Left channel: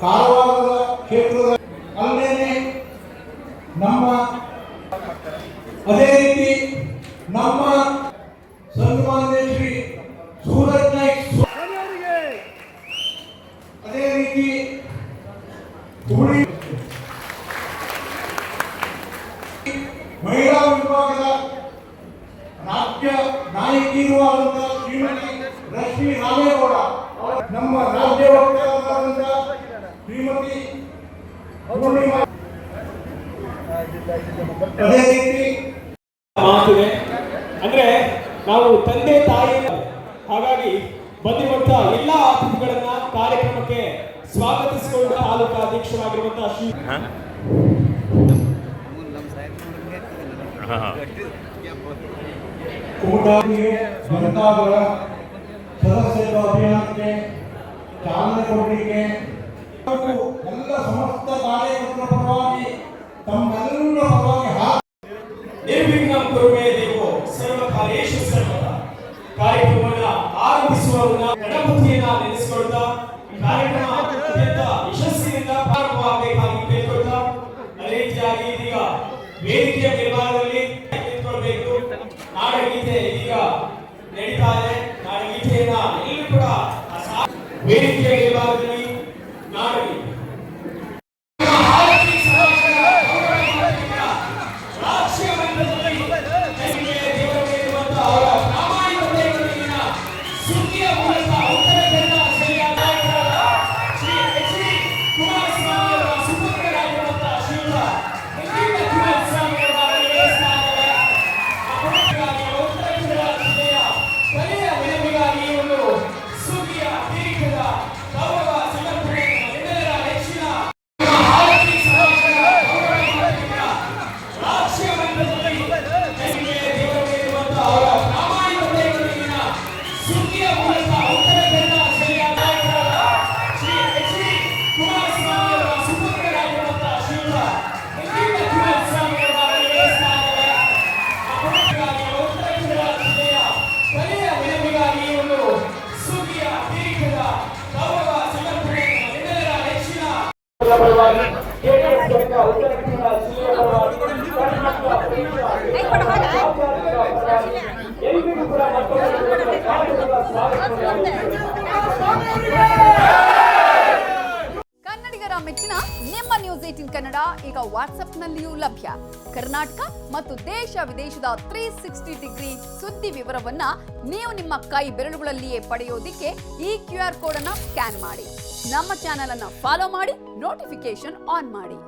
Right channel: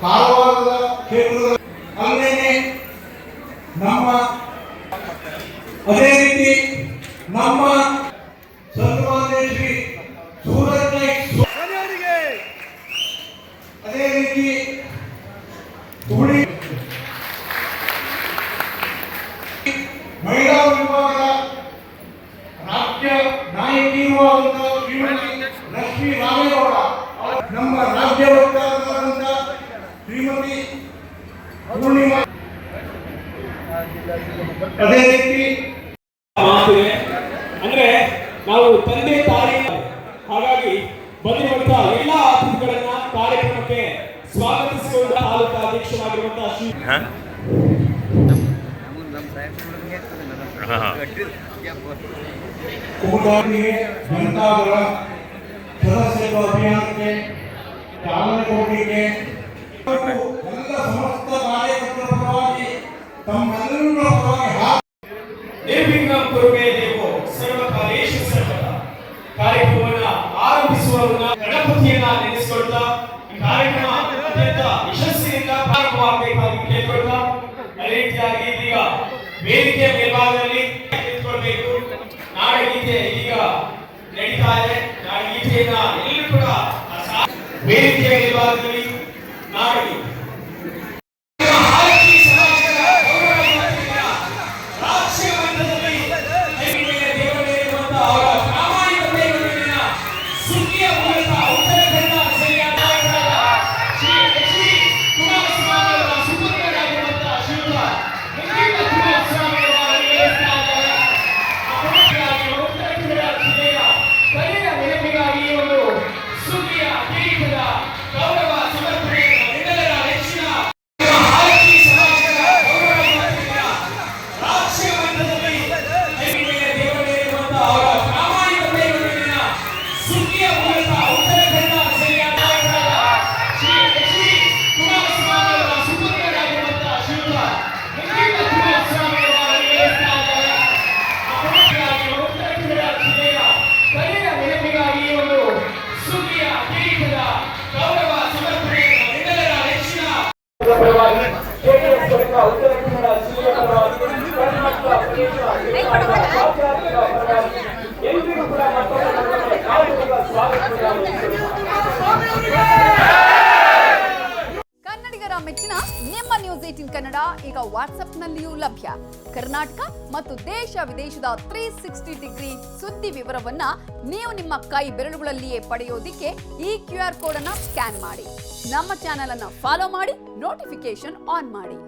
ಕಾರವಾರದ ಕ್ಷೇತ್ರದ ನಮ್ಮ ಅದೇ ರೀತಿ ನಮ್ಮ ಸನ್ಮಾನ್ಯ ಶ್ರೀ ಸೂರಜ್ ನಾಯ್ಕ್ ಅದೇ ರೀತಿ ತುಳಿ ಮಹಿಳಾ ವಿಭಾಗದ ರಾಜ್ಯ ನಾಯಕಿಯಾದಂತಹ ಶ್ರೀಮತಿ ಲಕ್ಷ್ಮೀ ರಾಮೇಗೌಡ ನಮ್ಮ ರಾಜ್ಯ ವಕ್ತಾರರಾದಂತಹ ಶ್ರೀಮತಿ ಪೂರ್ಣಿಮಾ ಅದೇ ರೀತಿ ಅಂದ್ರೆ ನಾವು ತಂದೆ ತಾಯಿ ಹಾಗಾಗಿ ಬಂದಿರುವಂತಹ ಎಲ್ಲಾ ಅತಿಥಿಗಳನ್ನ ಕಾರ್ಯಕ್ರಮಕ್ಕೆ ಸ್ವಾಗತಿಸಿಕೊಂಡು ತಾಲೂಕು ಅಧ್ಯಕ್ಷರಾಗಿರುವಂತಹ ಶ್ರೀ ಕುಮಟಾಗೆ ಜನತಾದಳ ಸದಸ್ಯತ್ವ ಅಭಿಯಾನಕ್ಕೆ ಚಾಲನೆ ಕೊಡಲಿಕ್ಕೆ ಎಲ್ಲ ಸಮಸ್ತ ಕಾರ್ಯಕರ್ತರ ಪರವಾಗಿ ತಮ್ಮೆಲ್ಲರ ಪರವಾಗಿ ನಿರ್ವಿಘ್ನ ಕುರುಮೇ ದೇವೋ ಸರ್ವಕಾಲೇಶು ಸರ್ವದ ಕಾರ್ಯಕ್ರಮವನ್ನು ಆರಂಭಿಸುವ ಗಣಪತಿಯನ್ನ ನೆನೆಸಿಕೊಳ್ತಾ ಈ ಕಾರ್ಯಕ್ರಮ ಅತ್ಯಂತ ಯಶಸ್ಸಿನಿಂದ ಪ್ರಾರಂಭವಾಗಬೇಕಾಗಿ ಕೇಳಿಕೊಳ್ತಾ ಅದೇ ರೀತಿಯಾಗಿ ಇದೀಗ ವೇದಿಕೆಯ ಮೇಲ್ಭಾಗದಲ್ಲಿ ನಿಂತ್ಕೊಳ್ಬೇಕು. ನಾಡಗೀತೆ ಈಗ ನಡೀತಾ ಇದೆ. ನಾಡಗೀತೆಯನ್ನ ಎಲ್ಲರೂ ಕೂಡ ವೇದಿಕೆಯ ಮೇಲ್ಭಾಗದಲ್ಲಿ ನಾಡಗೀತೆ ಕನ್ನಡಿಗರ ಮೆಚ್ಚಿನ ನಿಮ್ಮ ನ್ಯೂಸ್ 18 ಕನ್ನಡ ಈಗ ವಾಟ್ಸ್ಆಪ್ನಲ್ಲಿಯೂ ಲಭ್ಯ. ಕರ್ನಾಟಕ ಮತ್ತು ದೇಶ ವಿದೇಶದ 360 ಡಿಗ್ರಿ ಸುದ್ದಿ ವಿವರವನ್ನ ನೀವು ನಿಮ್ಮ ಕೈ ಬೆರಳುಗಳಲ್ಲಿಯೇ ಪಡೆಯೋದಿಕ್ಕೆ ಈ QR ಕೋಡ್ ಅನ್ನು ಸ್ಕ್ಯಾನ್ ಮಾಡಿ. ನಮ್ಮ ಚಾನೆಲ್ ಅನ್ನು ಫಾಲೋ ಮಾಡಿ, ನೋಟಿಫಿಕೇಶನ್ ಆನ್ ಮಾಡಿ.